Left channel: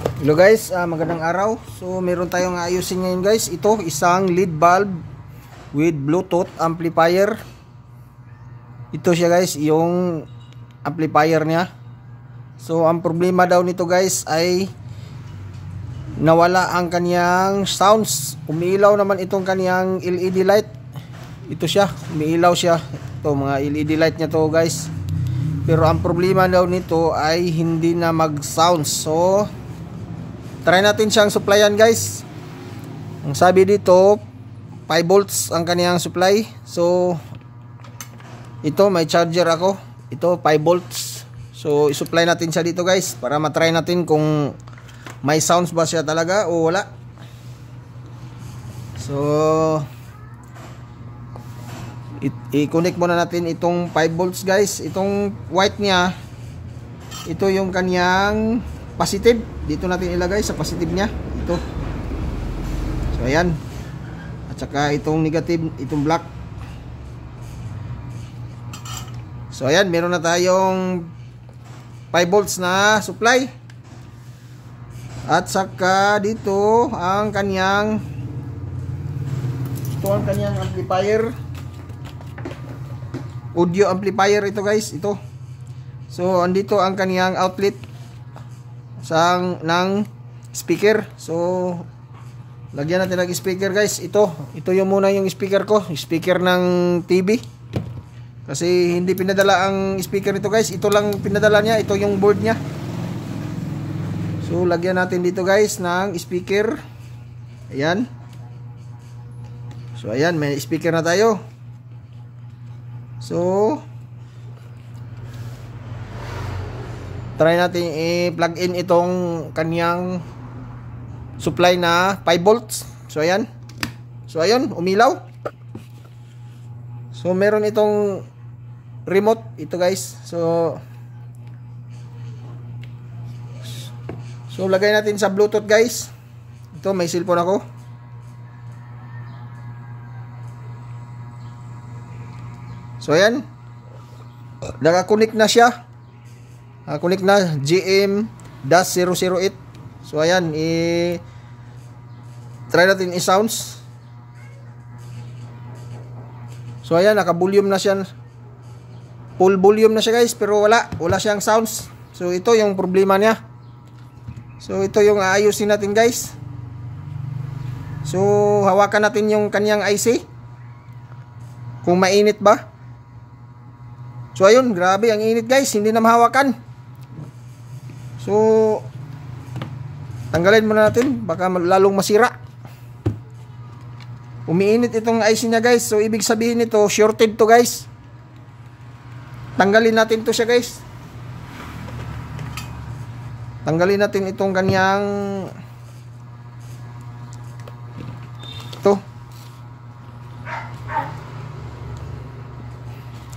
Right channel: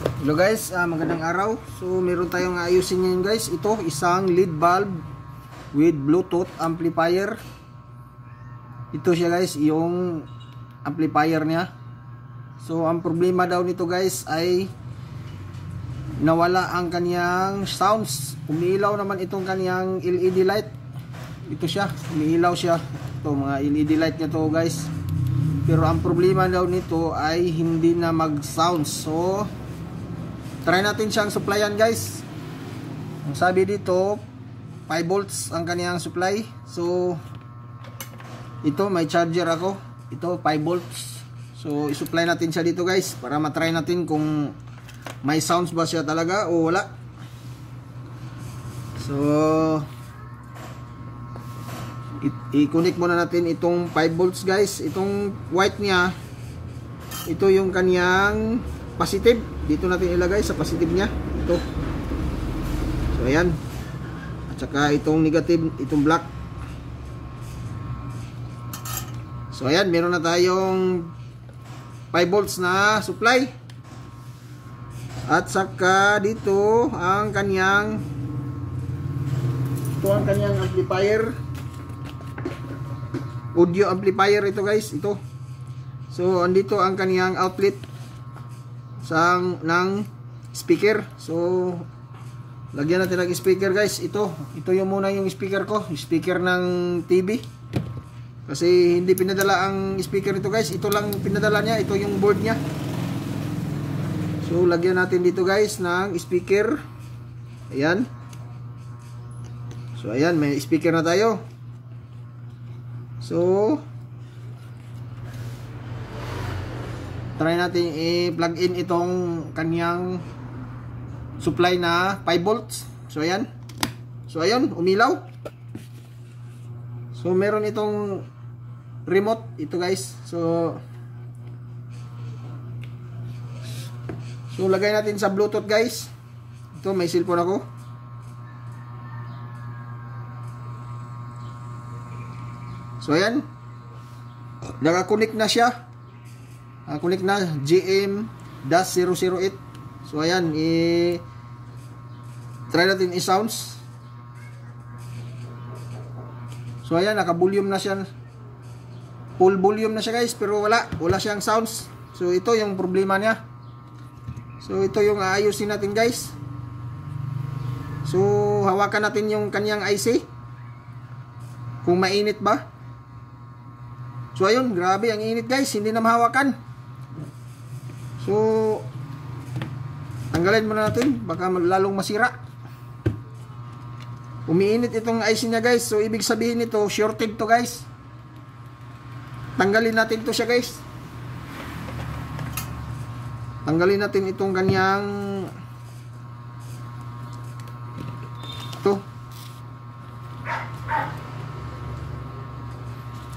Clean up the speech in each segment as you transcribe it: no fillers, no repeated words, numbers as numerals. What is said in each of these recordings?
Hello guys, magandang araw. So meron tayong ayusin ngayon guys. Ito isang lead bulb with Bluetooth amplifier. Ito siya guys, yung amplifier niya. So ang problema daw nito guys ay nawala ang kaniyang sounds. Umiilaw naman itong kaniyang LED light. Ito siya, umiilaw siya. Ito mga LED light niya to guys. Pero ang problema daw nito ay hindi na mag-sounds. So try natin siyang supplyan guys. Ang sabi dito 5 volts ang kaniyang supply. So ito may charger ako. Ito 5 volts. So i-supply natin siya dito guys para matry natin kung may sounds ba siya talaga o wala. So i-connect muna natin itong 5 volts guys. Itong white niya, ito yung kaniyang positive. Dito natin ilagay sa positive niya. Ito. So ayan. At saka itong negative, itong black. So ayan, meron na tayong 5 volts na supply. At saka dito ang kanyang amplifier. Audio amplifier ito guys, ito. So andito ang kaniyang outlet ng speaker. So lagyan natin ng speaker guys. Ito yung muna yung speaker ko, speaker ng TV. Kasi hindi pinadala ang speaker nito guys. Ito lang pinadala niya, ito yung board niya. So lagyan natin dito guys ng speaker. Ayan. So ayan, may speaker na tayo. So try natin i-plug in itong kanyang supply na 5 volts. So ayan. So ayan, umilaw. So meron itong remote ito guys. So lagay natin sa Bluetooth guys. Ito may cellphone ako. So ayan. Naka-connect na siya. Connect na GM-008. So ayan, try natin i-sounds. So ayan, naka-volume na siya. Full volume na siya guys, pero wala siyang sounds. So ito yung problema niya. So ito yung aayusin natin guys. So hawakan natin yung kanyang IC. Kung mainit ba. So ayun, grabe ang init guys, hindi na mahawakan. So tanggalin muna natin, baka lalong masira. Umiinit itong IC niya guys. So ibig sabihin nito, shorted to guys. Tanggalin natin to siya guys. Tanggalin natin itong kanyang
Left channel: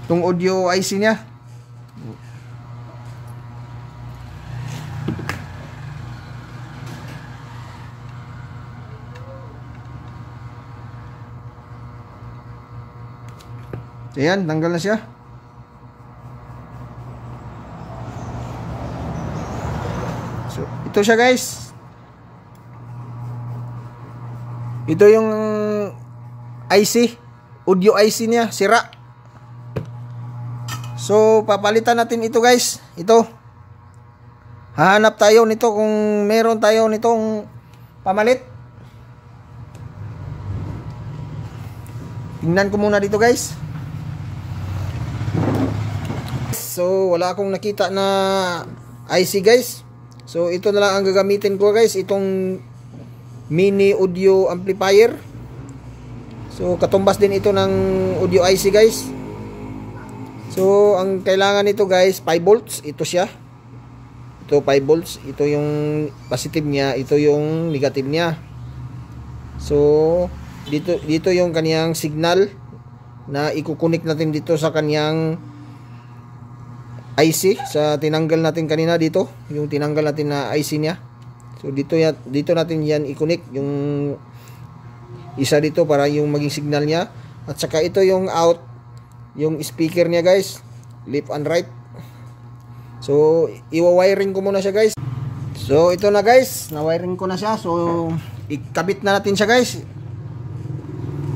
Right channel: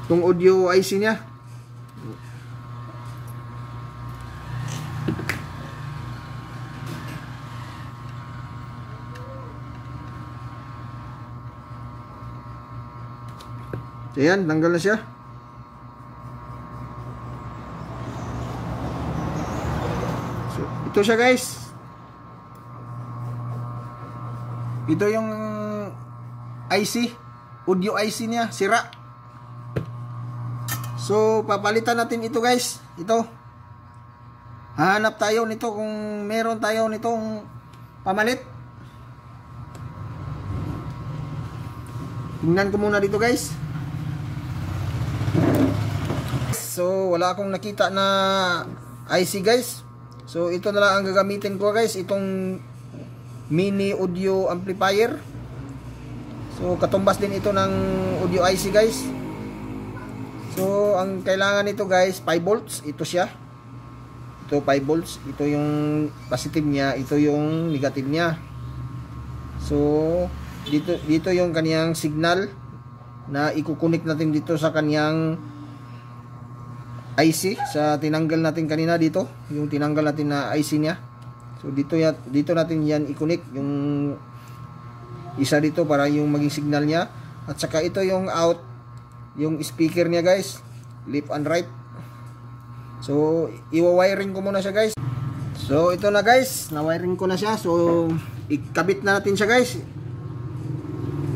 itong audio IC niya. Ayan, tanggal na siya. So, ito siya guys. Ito yung IC, audio IC niya, sira. So papalitan natin ito guys. Ito. Hahanap tayo nito kung meron tayo nitong pamalit. Tingnan ko muna dito guys. So wala akong nakita na IC guys. So ito na lang ang gagamitin ko guys, itong mini audio amplifier. So katumbas din ito ng audio IC guys. So ang kailangan nito guys 5 volts, ito siya. Ito 5 volts, ito yung positive niya, ito yung negative niya. So dito yung kaniyang signal na ikukunik natin dito sa kaniyang IC, sa tinanggal natin kanina dito, yung tinanggal natin na IC niya. So dito natin yan i-connect yung isa dito para yung maging signal niya. At saka ito yung out, yung speaker niya guys, left and right. So iwa-wiring ko muna siya guys. So ito na guys, na-wiring ko na siya. So ikabit na natin siya guys.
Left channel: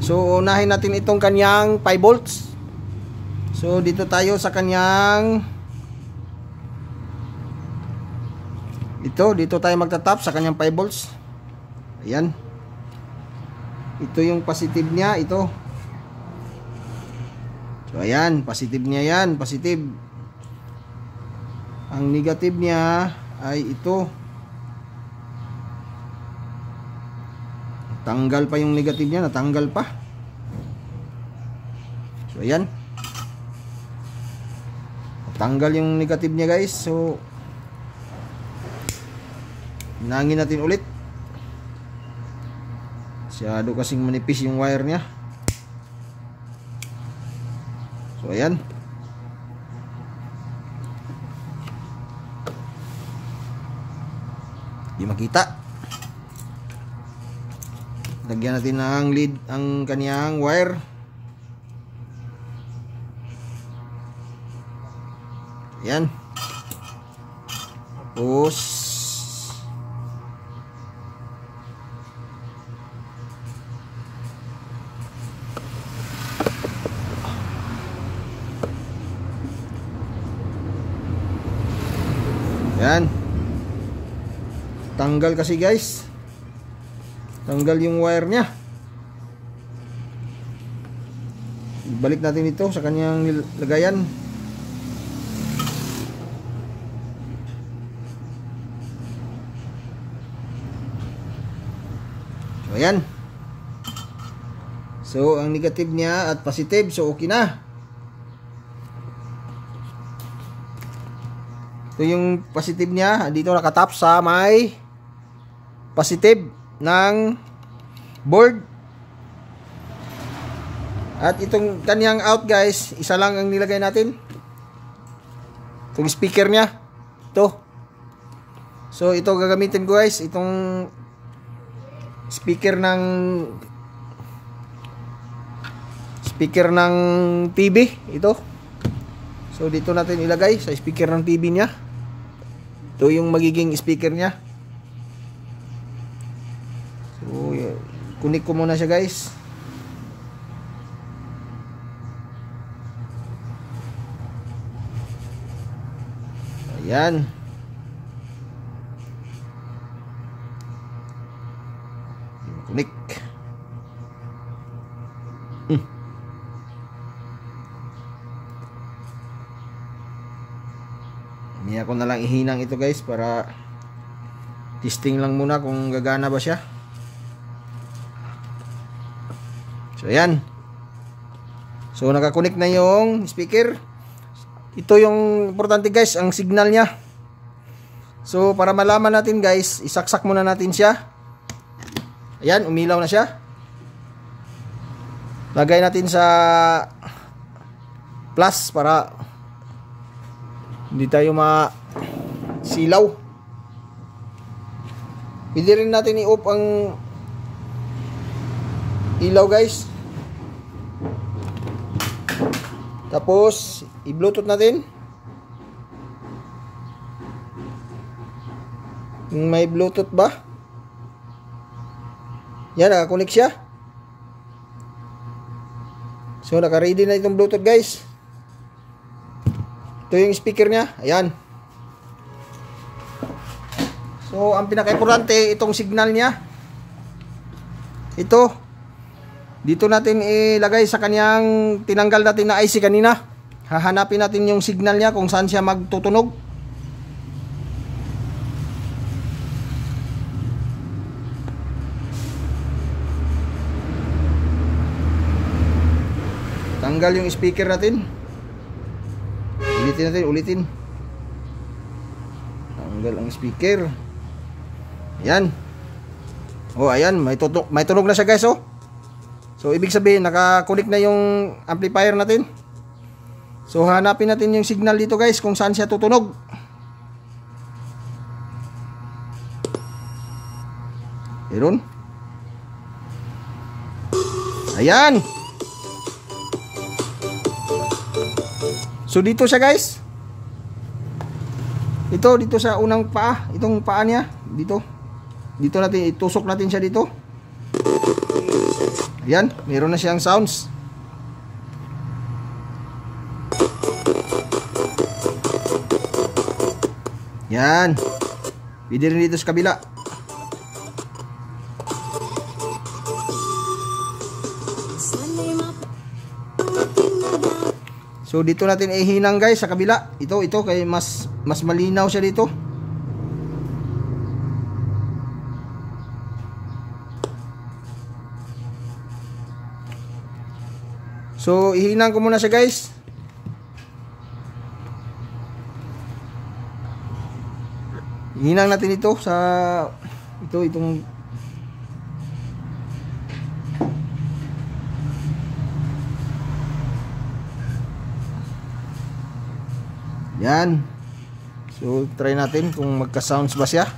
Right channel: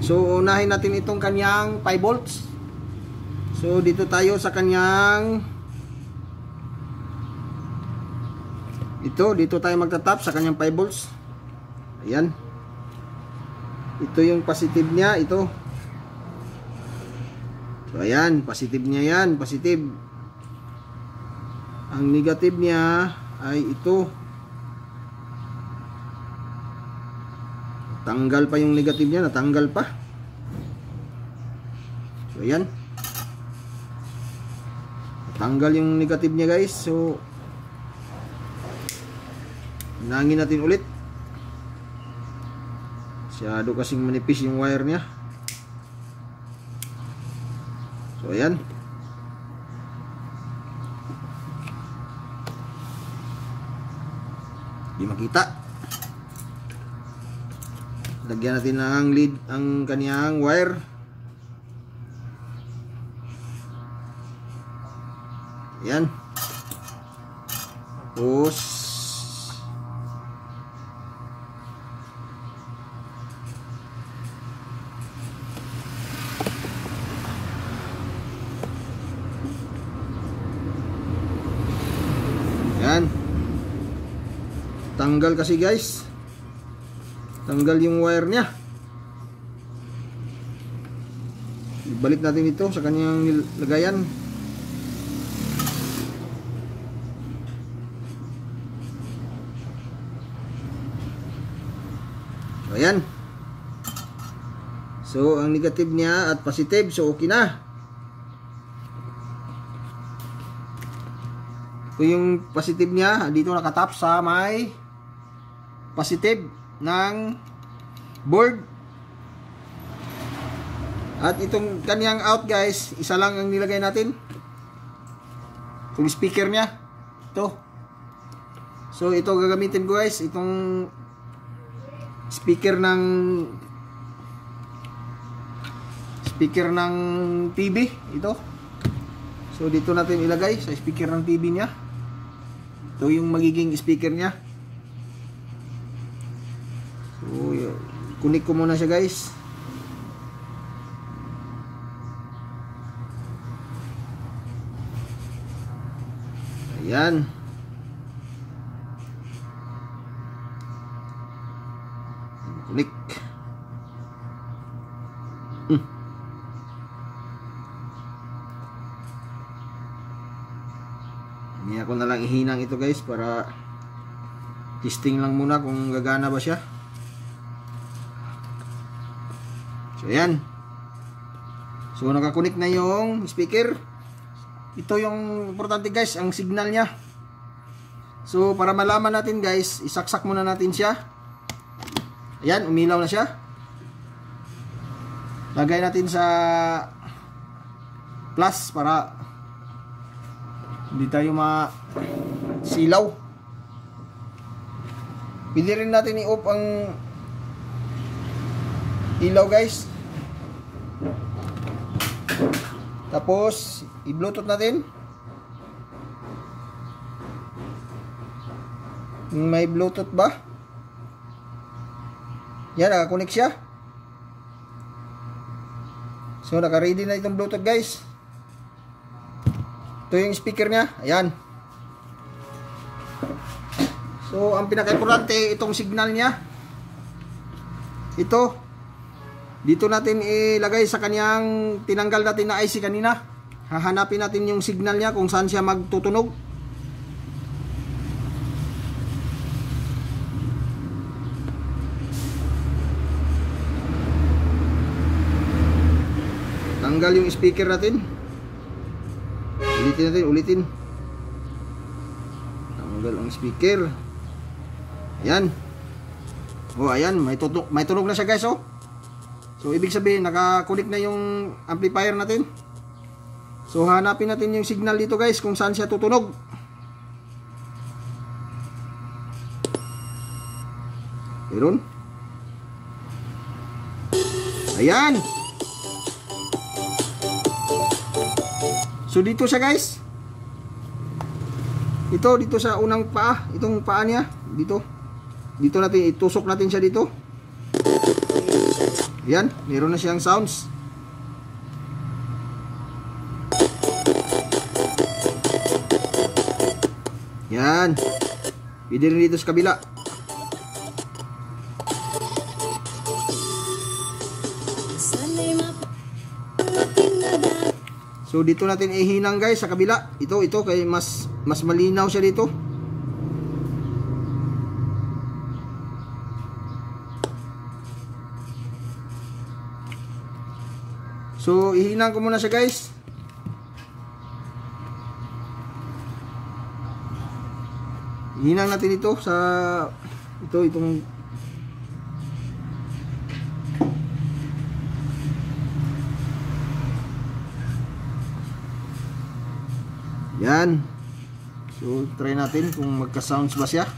So unahin natin itong kanyang 5 volts. So dito tayo sa kanyang dito tayo magtatap sa kanyang 5 volts. Ayan. Ito yung positive niya, ito. So ayan, positive niya yan, positive. Ang negative niya ay ito. Tanggal pa yung negative niya, natanggal pa. So ayan. Tanggal yung negative niya guys. So hinangin natin ulit. Masyado kasing manipis yung wire niya. So ayan. Di makita. Lagyan natin ng lead ang kaniyang wire. Ayan. Tapos ayan. Tanggal kasi guys. Tanggal yung wire niya. Ibalik natin ito sa kanyang lagayan. Ayan. So ang negative niya at positive, so okay na. Ito yung positive niya, dito nakatap sa may positive ng board. At itong kanyang out guys, isa lang ang nilagay natin. Itong speaker niya, ito. So ito gagamitin ko guys, itong speaker ng TV, ito. So dito natin ilagay sa speaker ng TV niya. Ito yung magiging speaker niya. So kunik ko muna siya guys. Ayan. Kunik. Hindi ako na lang ihinang ito guys para testing lang muna kung gagana ba siya. So ayan. So nakakunik na yung speaker. Ito yung importante guys, ang signal niya. So para malaman natin guys, isaksak muna natin siya. Ayan, umilaw na siya. Lagay natin sa plus para hindi tayo masilaw. Pwede rin natin i-off ang ilaw guys. Tapos i-bluetooth natin. May bluetooth ba? Yan, nakakunik siya. So naka-ready na itong bluetooth guys. Ito yung speaker niya. Ayan. So ang pinaka-importante itong signal niya. Ito. Dito natin ilagay sa kanyang tinanggal natin na IC kanina. Hahanapin natin yung signal niya kung saan siya magtutunog. Tanggal yung speaker natin. Ulitin. Tanggal ang speaker. Ayan. Oh, ayan, may tunog na siya guys, oh. So ibig sabihin naka-connect na yung amplifier natin. So hanapin natin yung signal dito guys kung saan siya tutunog. Meron. Ayan. So dito siya guys. Dito sa unang paa, itong paa niya, dito natin itusok natin siya dito. Ayan, meron na siyang sounds. Yan. Pwede rin dito sa kabila. So dito natin ihinang guys sa kabila. Ito kay mas malinaw siya dito. So ihinang ko muna siya guys. Ihinang natin ito sa itong yan. So try natin kung magka-sounds ba siya.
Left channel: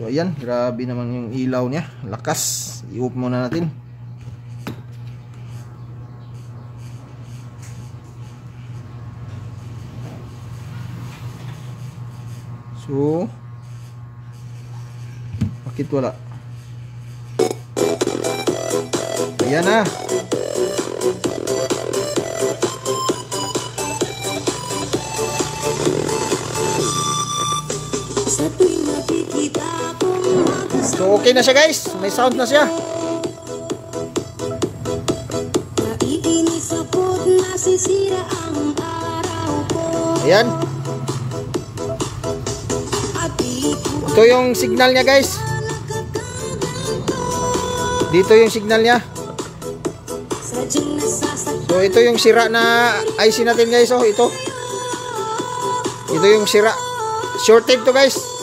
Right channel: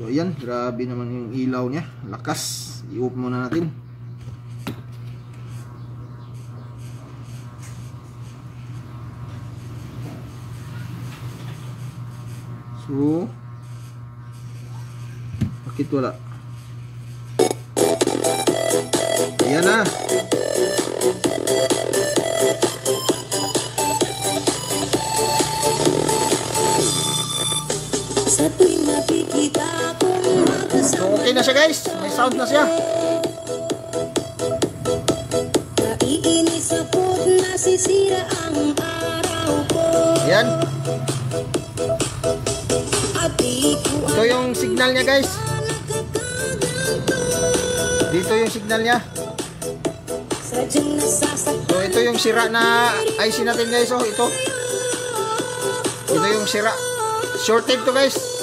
So ayan, grabe naman yung ilaw niya, lakas. I-off muna natin. So bakit wala? Ayan na. So okay na siya guys, may sound na siya. Ayan. Ito yung signal niya guys. Dito yung signal niya. So ito yung sira na IC natin guys. Oh, ito yung sira. Shorted to guys.